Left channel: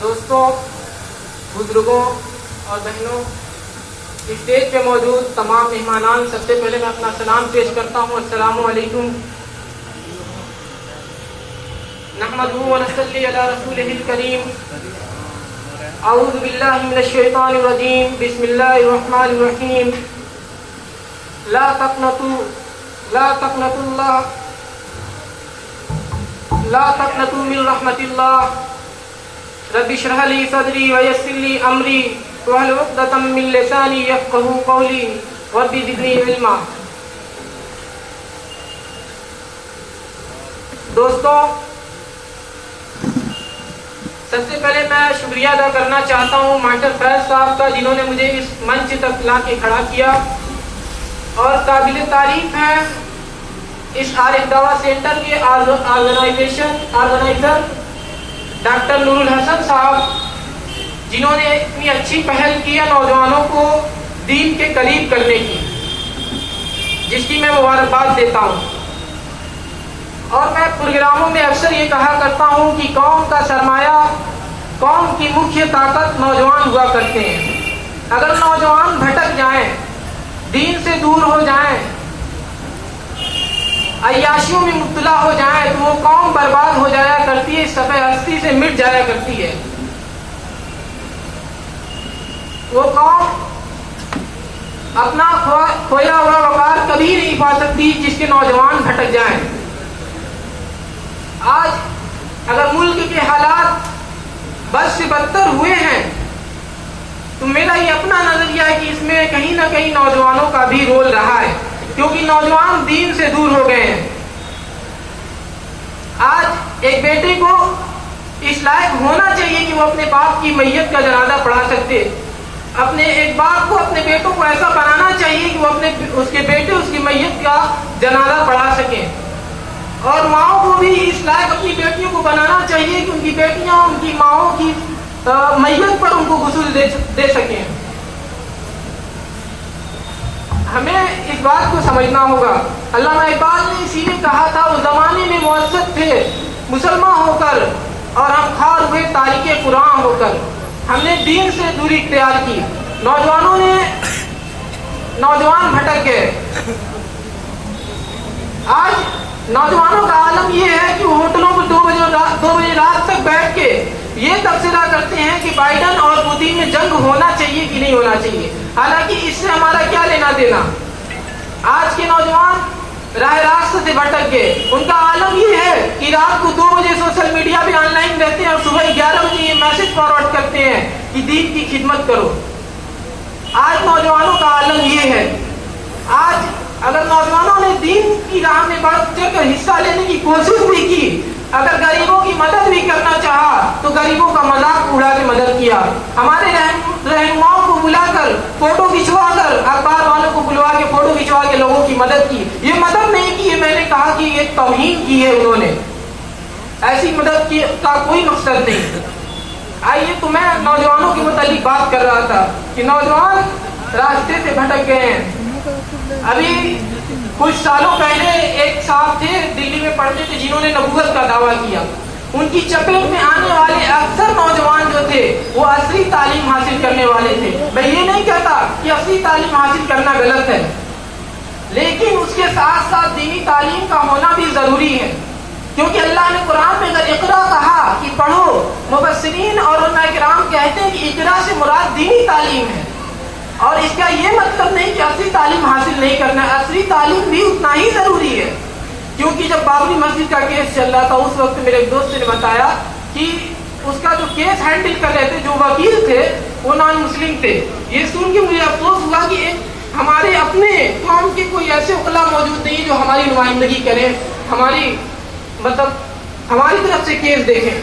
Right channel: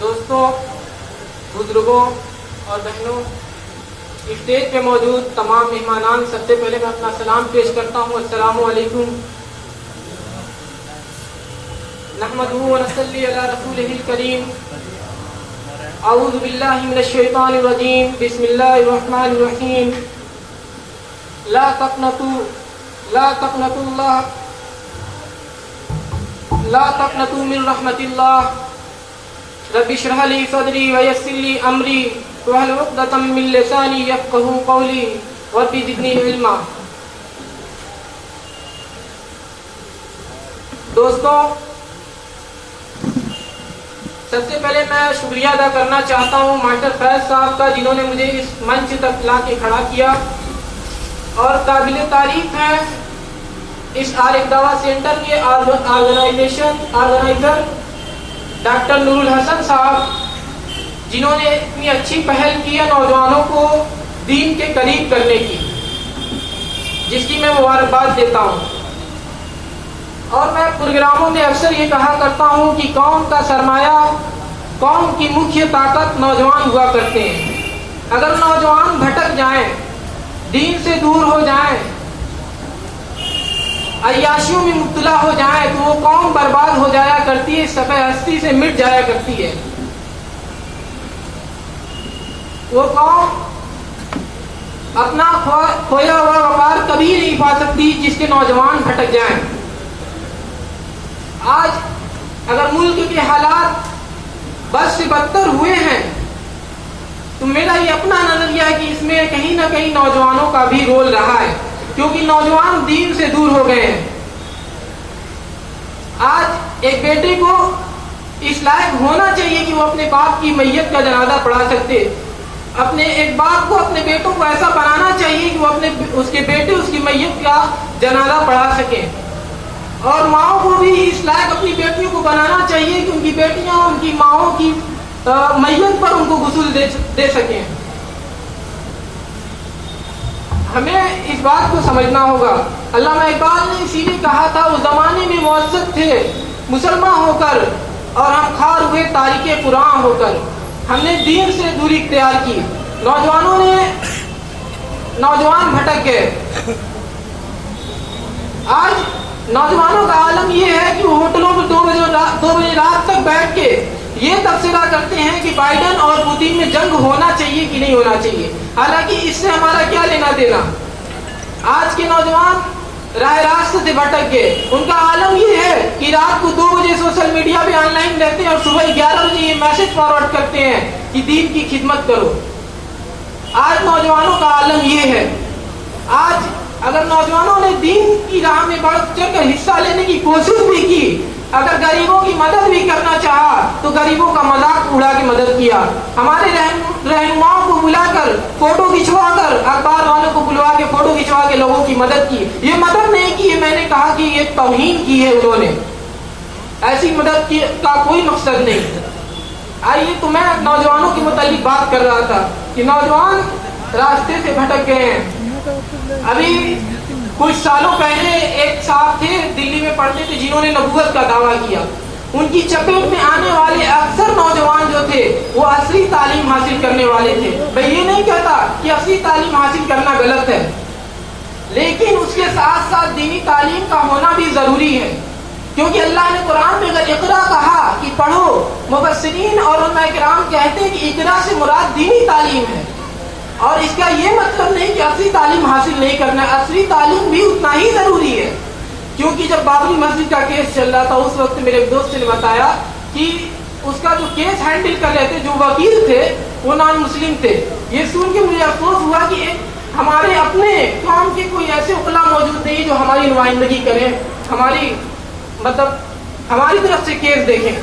دوستوں، بزرگوں اور بہنوں، اسٹیج پہ موجود تمام مہمانان، سب سے پہلے میں اپنا سلام پیش کرتا ہوں۔ السلام علیکم۔ نحمدہ ونصلی علی رسولہ الکریم۔ اعوذ باللہ من الشیطان الرجیم، بسم اللہ الرحمن الرحیم۔ لا تقنطوا من رحمت اللہ، رب اشرح لی صدری ویسر لی امری واحلل عقدۃ من لسانی یفقہوا قولی رب زدنی علما۔ دوستوں، سب سے پہلے میں شکریہ ادا کرنا چاہتا ہوں ماسٹر فیض صاحب کا، جنہوں نے مجھے اس منچ تک لا کے کھڑا کیا، اور قابل تعریف ہے اس عارف دعویٰ سینٹر کے آرگنائزر ڈاکٹر نور الحسن صاحب، جنہوں نے اتنی اچھی پہل کی ہے نوجوانوں کو دین کے قریب کرنے کی، جس کی میں مبارکباد دیتا ہوں۔ اور میں پروگراموں میں اکثر یہ کہا کرتا ہوں کہ قوم کا سرمایہ، قوم کی مکھیہ طاقت نوجوان ہوا کرتے ہیں۔ اگر نوجوان بھٹک جائیں، دین سے دور ہو جائیں، عیاشیوں میں مبتلا ہو جائیں، تو وہ قوم برباد ہو جایا کرتی ہے، صفحہ ہستی سے مٹ جایا کرتی ہے۔ وہ قوم اپنا کھویا ہوا وقار کبھی نہیں پا سکتی جس کے نوجوان بھٹک جائیں۔ آج اگر ملک کے حالات بد سے بدتر ہوئے ہیں تو میرا یہ اپنا نظریہ ہے کہ اس میں کہیں نہ کہیں نوجوانوں کا بھی رول رہا ہے، کیونکہ نوجوان دین سے دور ہو گئے ہیں۔ آج ایک بیٹے کو اس لائق ہونا چاہیے کہ وہ اپنے باپ کی میت کا جنازہ پڑھا سکتے، اپنے ایک باپ کو اپنے بیٹوں کو ایسا بنانا چاہیے کہ وہ اس کے بیٹے اس کی میت کا جنازہ پڑھا سکیں، اور ماؤں کو بھی اس لائق اپنی بیٹیوں کو بنانا چاہیے کہ ان کی بیٹیاں ان کی ماؤں کی میت پر ان کو غسل دے سکیں۔ ہمیں اس بات کو سمجھنا ہوگا۔ علامہ اقبال نے اسی لیے کہا تھا، اس زمانے میں معزز تھے مسلمان ہو کر اور ہم خار ہوئے تاریخ قرآن ہو کر۔ ہم نے دین سے دوری اختیار کی، نوجوان بھٹک گئے۔ آج نوجوانوں کا عالم یہ ہے کہ وہ ہوٹلوں پر 2 بجے رات تک بیٹھ کے یہ تبصرہ کرتے ہیں کہ بائیڈن اور پوتین میں جنگ ہونا چاہیے کہ نہیں ہونا چاہیے، حالانکہ اس سے ہمارا کیا لینا دینا۔ آج کے نوجوان راہ راست سے بھٹک گئے۔ ان کا عالم یہ ہے کہ رات کو 2 بجے سوشل میڈیا پہ آن لائن رہتے ہیں اور صبح 11 بجے یہ میسج فارورڈ کرتے ہیں کہ دین کی خدمت کرو۔ آج نوجوانوں کا عالم یہ ہے۔ آج اگر نوجوانوں نے دین کی راہ میں بڑھ چڑھ کر حصہ لینے کی کوشش بھی کی، اگر غریبوں کی مدد بھی کرنا چاہا تو غریبوں کا مذاق اڑا کے مدد کیا، ہمارے رہنماؤں کو بلا کر فوٹو کھنچوا کر، اخبار والوں کو بلوا کے فوٹو کھنچوا کے لوگوں کی مدد کی۔ یہ مدد نہیں کی ہے، میں نے کہا کہ یہ توہین کی ہے انہوں نے، ایسی مدد کا کوئی مقصد نہیں۔ آئیے، تو میں نوجوانوں کے متعلق بات کر رہا تھا کہ نوجوان راستے سے بھٹک گئے ہیں۔ ابھی کچھ سالوں پہلے ایک صاحب تھے، دلی میں پڑھتے تھے، جنہوں نے نبوت کا دعویٰ کیا۔ ان کی چپیٹ میں آنے والے اکثر نوجوان جو تھے وہ عصری تعلیم حاصل کرنے والے تھے۔ میں یہ نہیں کہتا کہ عصری تعلیم حاصل کرنا غلط ہے، لیکن اس کے ساتھ ساتھ دینی تعلیم کا ہونا بھی ضروری ہے، کیونکہ اللہ نے قرآن میں اگر اقرا کہا کہ پڑھو، مفسرین اور علماء کرام کہتے ہیں کہ اقرا سے مراد دینی تعلیم ہے، اور اس کا یہ مطلب نہیں کہ عصری تعلیم حاصل نہیں کرنا ہے، عصری تعلیم بھی اتنا ہی ضروری ہے۔ کیونکہ جب بابری مسجد کا کیس چل رہا تھا، اس وقت میرے ایک دوست نے بتایا کہ اس کا جو کیس ہینڈل کر رہے تھے، جو وکیل تھے، وہ نان مسلم تھے۔ یہ سن کے مجھے افسوس ہوا کہ ہمارے اپنے قوم کے کوئی ایسے وکلا موجود نہیں جو ہماری نمائندگی کریں، ہماری طرف سے کیس دیکھیں۔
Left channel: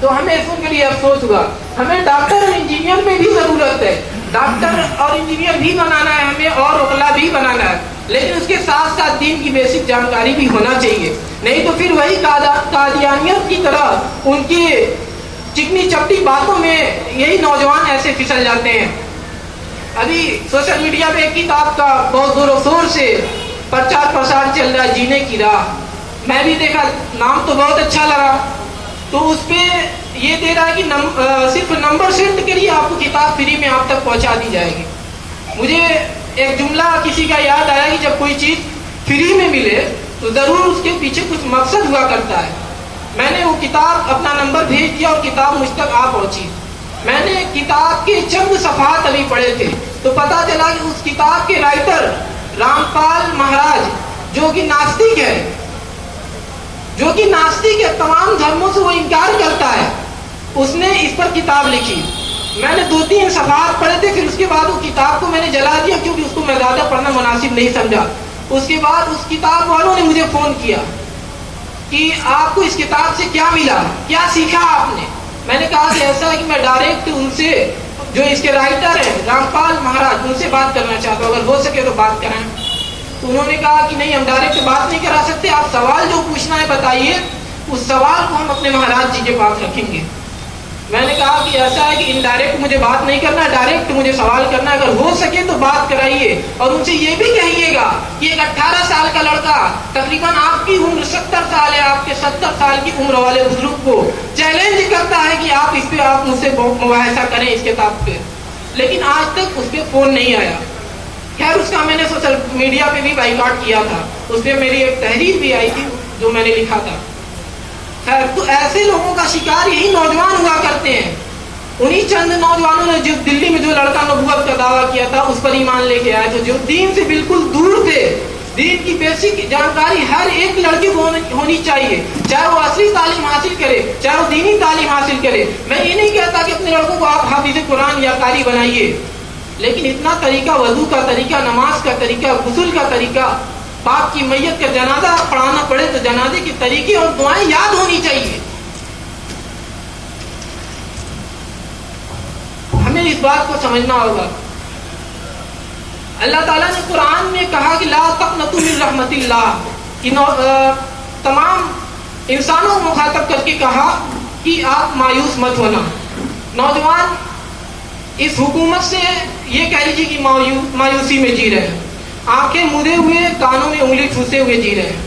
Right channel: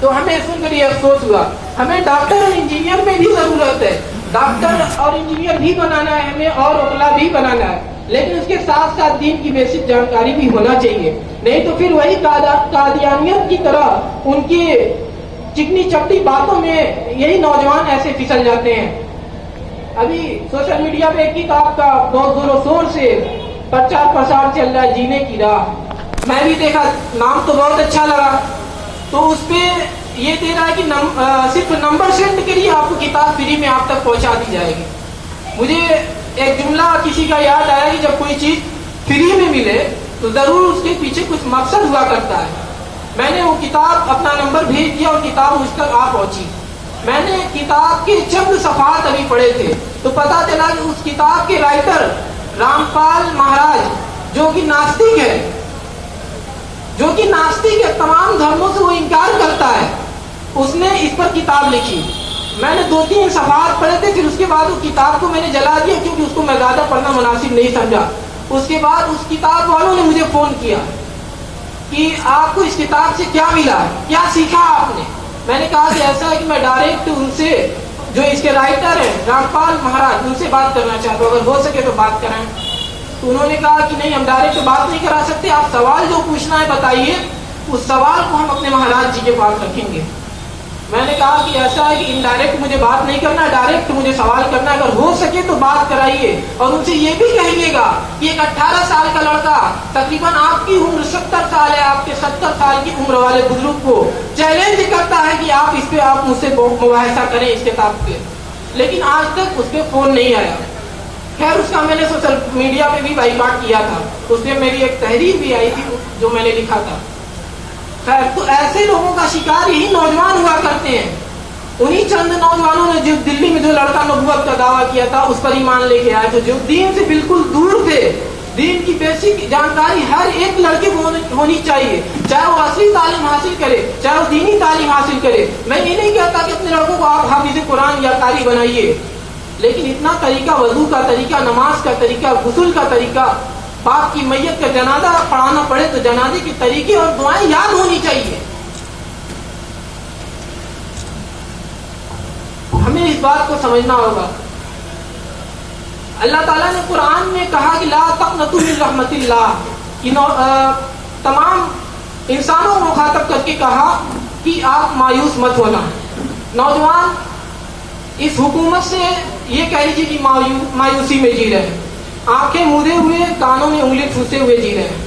تو ہمیں سن کر یہ افسوس ہوا۔ ہمیں ڈاکٹر اور انجینئر میں بھی ضرورت ہے، ڈاکٹر اور انجینئر بھی بنانا ہے ہمیں، اور وکلا بھی بنانا ہے، لیکن اس کے ساتھ ساتھ دین کی بیسک جانکاری بھی ہونا چاہیے، نہیں تو پھر وہی قادیانیت کی طرح ان کی چکنی چپٹی باتوں میں یہی نوجوان ایسے پھسل جاتے ہیں۔ ابھی سوشل میڈیا پہ ایک کتاب کا بہت زور و شور سے پرچار پرسار چل رہا ہے، جینے کی راہ۔ میں بھی دیکھا, نام تو بہت اچھا لگا. تو اس پہ یہ دے رہا ہے کہ صرف نمبر سینڈ کریے, آپ کو کتاب فری میں آپ تک پہنچا دی جائے گی. مجھے ایک جملہ کسی کا یاد آیا کہ جب کوئی چیز فری میں ملے تو ضرور اس کے پیچھے کچھ مقصد ہوا کرتا ہے. میں نے وہ کتاب اپنا نمبر بھیج دیا اور کتاب مجھ تک آ پہنچی. میں نے کتاب کے چند صفحات ابھی پڑھے تھے تو پتا چلا کہ اس کتاب کے رائٹر رام پال مہاراج, جو کہ ناستک ہے, تمام دھرموں سے وہ انکار کرتا ہے, اس نے اس پر کتاب لکھی. میں نے 2-3 صفحات پڑھے تھے, پھر اس کے بعد وہ کتاب کو میں نے جلا دیا کیونکہ اس کو میں زیادہ پڑھنا مناسب نہیں سمجھا. اس کے بعد اس کتاب والوں نے مجھے فون کیا کہ آپ کو اس کتاب سے کیا ملا, کیا سیکھا آپ نے. میں نے کہا کہ ایسا ہے کہ میں ڈائریکٹ ان سے, جو اس کے رائٹر ہیں رام پال مہاراج, ان سے بات کرنا چاہتا ہوں, اگر ہو سکے تو بات کرائیں. تو انہوں نے کہا کہ نہیں, ہم ڈائریکٹ بات نہیں کرا سکتے, آپ سوال جو پوچھنا ہے بتائیے, اس سوال کو ہم اپنے مہاراج جی کے پاس رکھیں گے. میں نے کہا کہ ایسا ہے کہ انڈائریکٹ مجھے بات نہیں کرنا, ڈائریکٹ مجھے سوال کرنا, اگر ہو سکے تو بات کرائیے. اور ان سے یہ بھی کہیے گا کہ ایک 18 سال کا لڑکا, تقریباً آپ کی عمر 70 سال ہے, آپ کے 70 سال کی عمر والے بزرگ کو چیلنج کرتا ہے کہ آپ اس پہ آپ مجھ سے مباحثہ کریں اس کتاب پہ, لیکن آج تک اس پہ فون نہیں آیا. خیر, اس کا میں نے سوشل میڈیا پہ بھی بائیکاٹ کیا تھا, اس پہ میری ایک تحریر بھی آئی تھی جو میں نے لکھا تھا. خیر, تو ایسے لوگوں کا شکار یہی نوجوان ہوا کرتے ہیں. انہی چند نوجوانوں نے جو دلی میں جو لڑکا نبوت کا دعویٰ کیا تھا اس پر ایمان لے کے آئے تھے, جو دین سے بالکل دور تھے. دین کی بیسک جانکاری ہر ایک لڑکے کو ہونی چاہیے, چاہے وہ اصلی تعلیم حاصل کرے, چاہے وہ دینی تعلیم حاصل کرے. میں یہ نہیں کہتا کہ اپنے لڑکوں کو آپ حافظ قرآن یا قاری بنائیے, لیکن اتنا طریقہ, وضو کا طریقہ, نماز کا طریقہ, غسل کا طریقہ, باپ کی میت کا جنازہ پڑھانا پڑے تو جنازے کے طریقے اور دعائیں یاد ہونی چاہیے. ہمیں اس بات کو سمجھنا ہوگا. اللہ تعالیٰ نے قرآن میں کہا کہ لا تقنطوا من رحمت اللہ, کہ تمام انسانوں کو مخاطب کر کے کہا کہ آپ مایوس مت ہونا. نوجوان اس حکومت سے یہ کہہ لیجیے کہ مایوسی میں جی رہے ہیں, آنکھیں مودے ہوئے, کانوں میں انگلی ٹھوسے ہوئے جی رہے ہیں.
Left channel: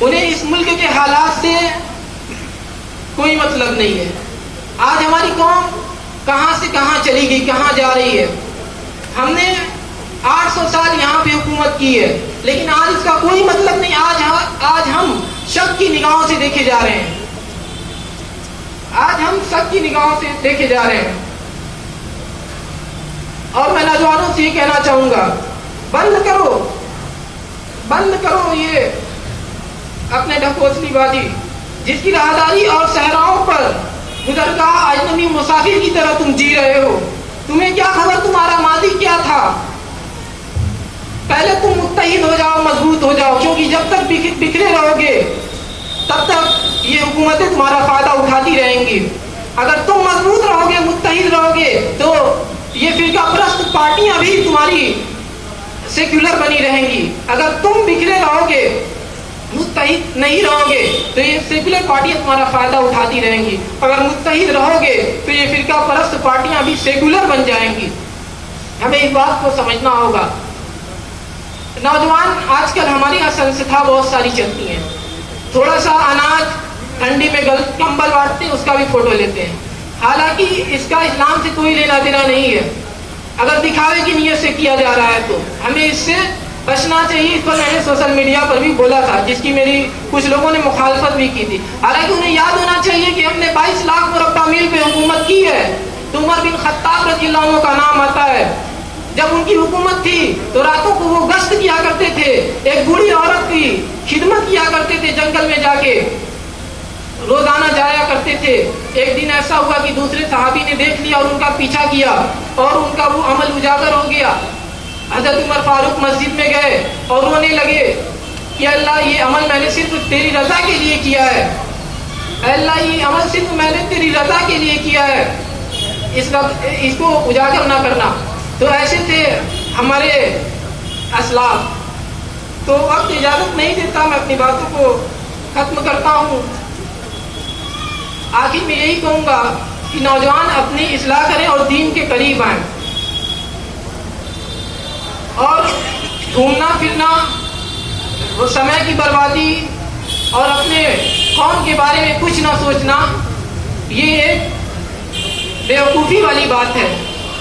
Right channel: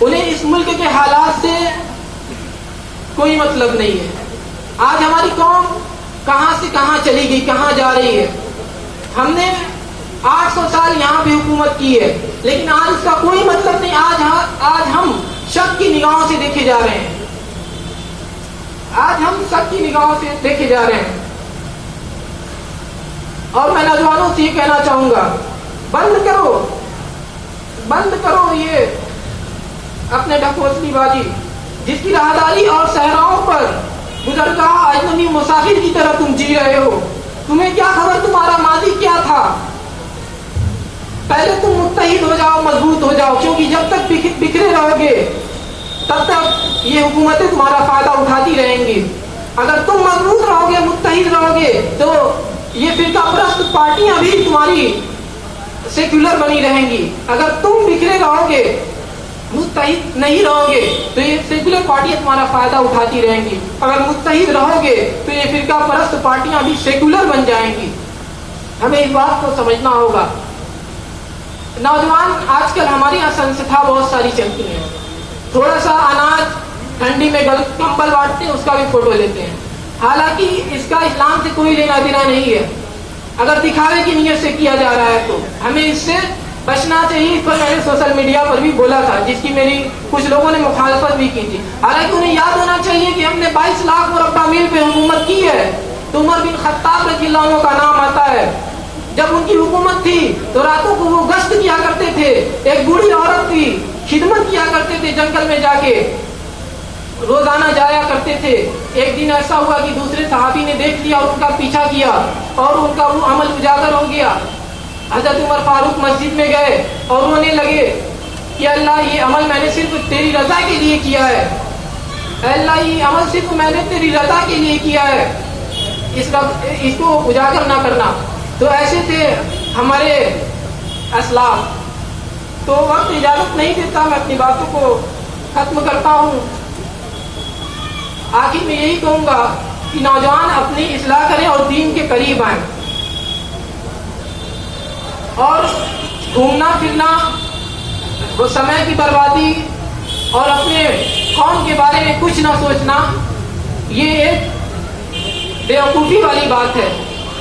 انہیں اس ملک کے حالات سے کوئی مطلب نہیں ہے. آج ہماری قوم کہاں سے کہاں چلی گئی, کہاں جا رہی ہے. ہم نے 800 سال یہاں پہ حکومت کی ہے, لیکن آج اس کا کوئی مطلب نہیں. آج ہم شک کی نگاہوں سے دیکھے جا رہے ہیں, آج ہم شک کی نگاہوں سے دیکھے جا رہے ہیں. اور میں نوجوانوں سے یہ کہنا چاہوں گا, بند کرو یہ اپنے ڈھکوسلی بازی, جس کی راہداری اور صحراؤں پر گزرگاہ اجنبی مسافر کی طرح تم جی رہے ہو. تمہیں کیا خبر تمہارا ماضی کیا تھا. پہلے تم متحد ہو جاؤ, مضبوط ہو جاؤ, کیونکہ جب تک بکھرے رہو گے تب تک یہ حکومتیں تمہارا فائدہ اٹھاتی رہیں گی. اگر تم مضبوط رہو گے, متحد رہو گے, تو یہ فرقہ پرست پارٹیاں بھی تمہاری سیکولر بنی رہیں گی. اگر تم بکھرے رہو گے, متحد نہیں رہو گے, تو یہ سیکولر پارٹیاں تمہارا فائدہ اٹھاتی رہیں گی. اگر متحد رہو گے تو یہ فرقہ پرست پارٹیاں بھی سیکولر بن جائیں گی. ہمیں اس بات کو سمجھنا ہوگا. نوجوان آج کل ہماری سنستھا بہت ساری چلتی ہیں, تھوڑا سا اناج ٹھنڈی میں کمبل بانٹتے ہیں, اس کا بھی فوٹو لیتے ہیں. حالانکہ اس کا اسلام سے کوئی لینا دینا نہیں ہے. اگر دکھاوے کی نیت سے کیا جا رہا ہے تو ہمیں اس سے بچنا چاہیے. اس پر میں نے سوشل میڈیا پر بھی بولا تھا, جس کی میری کچھ لوگوں نے مخالفت بھی کی تھی. حالانکہ انہیں یاد ہونا چاہیے کہ ہم نے 22 لاکھ مربع میل پہ حکومت کی ہے, تو عمر بن خطاب رضی اللہ عنہ کا نام آتا ہے. جب ان کی حکومت تھی تو راتوں کو وہ گشت کیا کرتے تھے, ایک بوڑھی عورت کی خدمت کیا کرتے تھے, جنگل میں جا کے روزانہ جایا کرتے تھے. ایک دن ایسا ہوا کہ دوسرے صحابی نے دیکھ لیا اور ان کا پیچھا کیا, اور ان کا وہ عمل اجاگر ہو گیا. حضرت عمر فاروق مسجد میں گئے اور رونے لگے کہ اللہ, یہ عمل میں نے صرف تیری رضا کے لیے کیا ہے. اللہ, یہ عمل صرف میں نے تیری رضا کے لیے کیا ہے, اس کو اجاگر نہ کرنا. تو ایسے تھے ہمارے اسلاف. تو وقت اجازت نہیں دیتا, میں اپنی باتوں کو ختم کرتا ہوں. آخر میں یہی کہوں گا کہ نوجوان اپنی اصلاح کریں اور دین کے قریب آئیں. اور گھومنا پھرنا, وہ سمے کی بربادی, اور اپنے قوم کے بارے میں کچھ نہ سوچنا یہ ایک بیوقوفی والی بات ہے.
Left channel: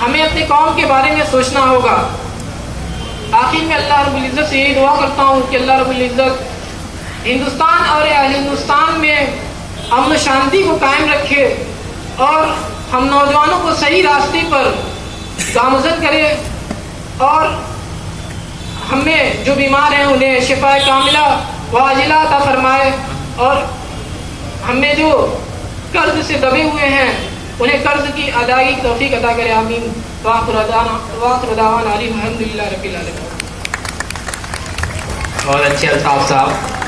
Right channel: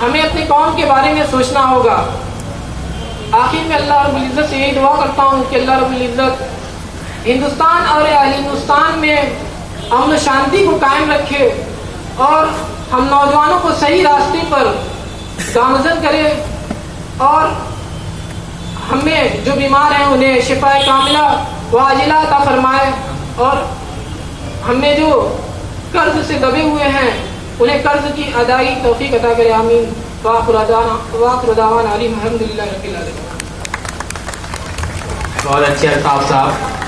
ہمیں اپنے قوم کے بارے میں سوچنا ہوگا. آخر میں اللہ رب العزت سے یہ دعا کرتا ہوں کہ اللہ رب العزت ہندوستان اور اہل ہندوستان میں امن و شانتی کو قائم رکھے اور ہم نوجوانوں کو صحیح راستے پر گامزن کرے اور ہمیں جو بیمار ہیں انہیں شفا کاملہ و عاجلہ عطا فرمائے اور ہمیں جو قرض سے دبے ہوئے ہیں انہیں قرض کی ادائیگی توفیق عطا کرے. آمین. وآخر دعوانا الحمدللہ رب العالمین. بہت اچھے الطاف صاحب.